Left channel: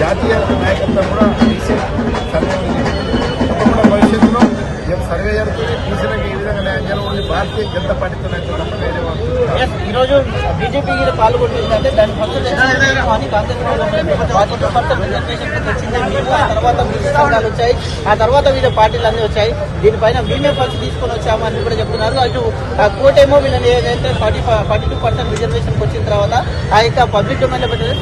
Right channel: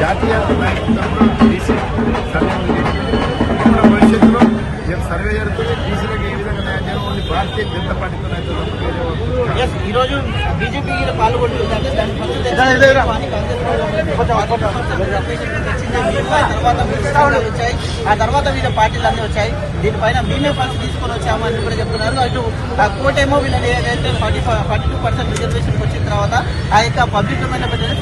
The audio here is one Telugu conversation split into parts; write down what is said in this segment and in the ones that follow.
జాతీయ నాయకత్వం కూడా బీసీ సర్వే తప్పకుండా భవిష్యత్తులో రేపు సర్వే జరుగుతుంది? బీసీలకు ఏ విధంగా న్యాయం జరగదు భారతీయ జనతా పార్టీతో అయితే తప్ప వేరే వాళ్ళు Yes, ఈ రోజు బీజేపీ పాల్గొంటుంది వచ్చాయి. ఆ తర్వాత వివిధ పార్టీలు అన్ని వచ్చాయి. దీనిపైన మేమే ఫస్ట్ తీసుకొని వచ్చామని కూడా చెప్తున్నారు. అటు ఆ కోటేమో వీళ్ళని ఏదైతే forty forty two percent reservation వచ్చిన తర్వాత ఆ యొక్క పబ్లిక్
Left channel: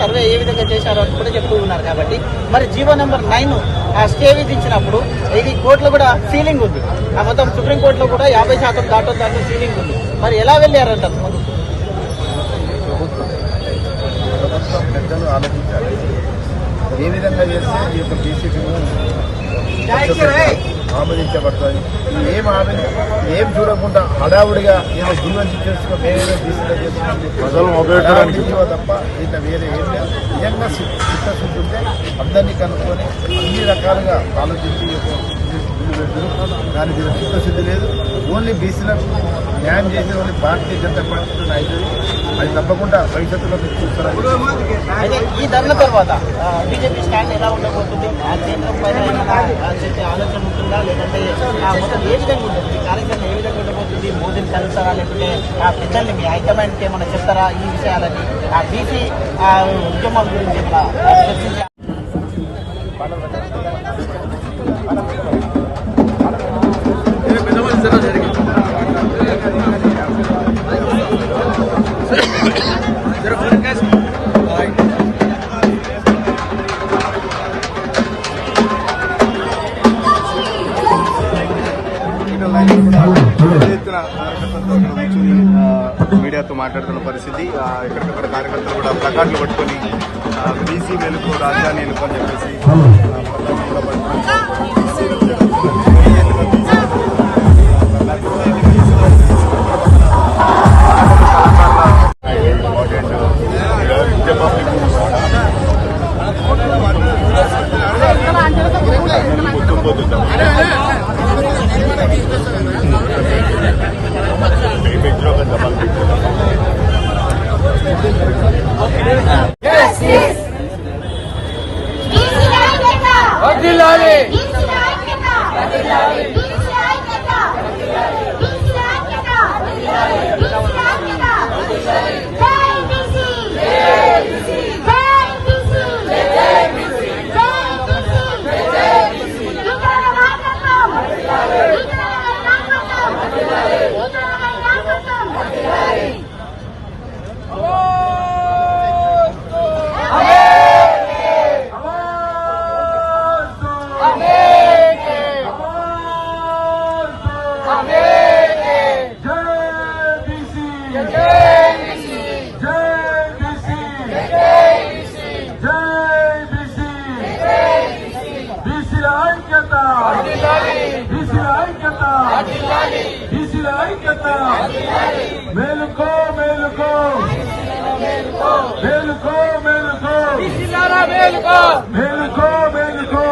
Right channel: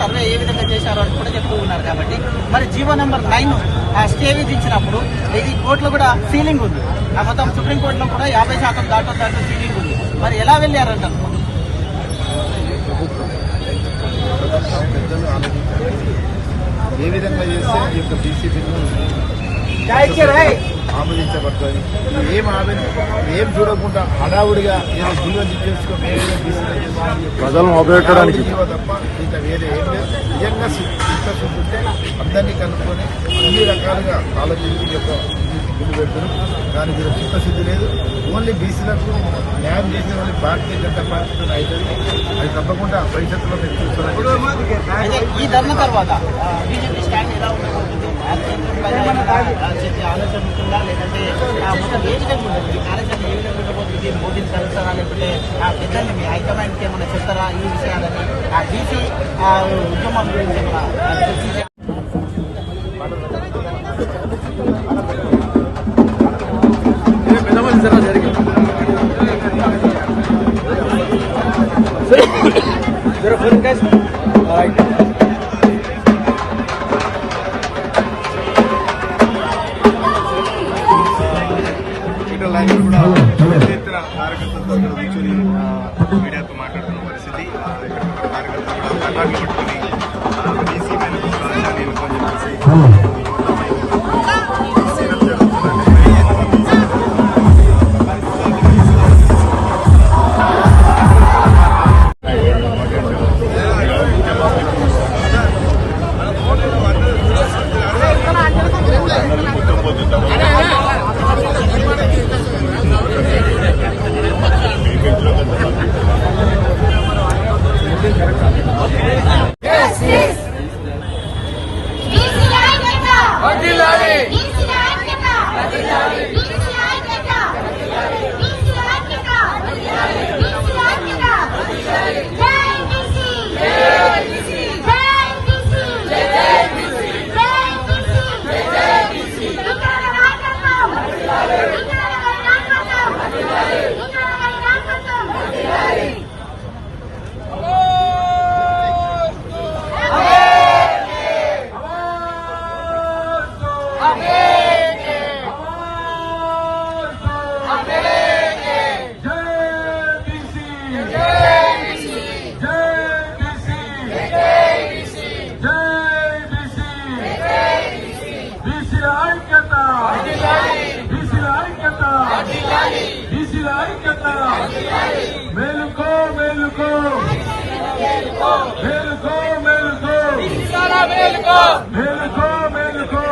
సర్వే ఏ విధంగా చేశారో అని కూడా చెప్తూ ఉన్నారు కాబట్టి. మరి జీవో నెంబర్ నైన్ ఆ స్టే విధించినప్పుడు ఇది కోర్టులో కూడా సీలింగ్ ఉంది. ఆ మొత్తం సుప్రీంకోర్టులో కూడా యాభై శాతం దాటో దాటి సీలింగ్ ఉంది. మరి ఎలా వెళ్ళారంటారు ప్రభుత్వం పెద్దలు ఏ విధంగా చేస్తే ఈ యొక్క బీసీ బిల్లు ఆమోదించబడుతుంది. ఏం ఆమె ఏం చూడకుండా హడావుడిగా ఏదో జీవన చేసుకో వేరే తప్ప ఇంత వేరే ఏం లేదు. నిజంగా చిత్తశుద్ధి ఉంటే అందరినీ కనుక్కొని అన్ని రకాలుగా ఆలోచించి యొక్క కానీ వీళ్ళ చిత్తశుద్ధి లేదు. ఓన్లీ బీసీలకు న్యాయం చేసే వాళ్ళు భారతీయ జనతా పార్టీ నాయకులు. అది తప్పకుండా భవిష్యత్తులో చూస్తున్నారు ఈ ధర్మ తర్వాత బీజేపీ స్టాండ్ ఎలా ఉండబోతుంది? ఆలోచన ఉంటుందా? లేదంటే ఏ విధంగా ఉంటుంది? కార్యక్రమం ఏ విధంగా ఉండబోతుంది? మోదీని కలుస్తారా లేకపోతే ఆ మీ హైకమాండ్కి ఏమైనా చెప్తారా ఈ విషయాలని? ఆ బీసీ ఉద్యమం గురించి నాయకులు కూడా పెద్ద ఎత్తున కార్యకర్తలతో కూర్చొని మీడియాతో మాట్లాడుతున్న పరిస్థితి కార్యకర్తలు కూడా ప్లకార్డులు పట్టుకొని బీసీల ఐక్యత మేలుకో మేలుకో. మేలుకో మేలుకో. మేలుకో. మేలుకో మేలుకో.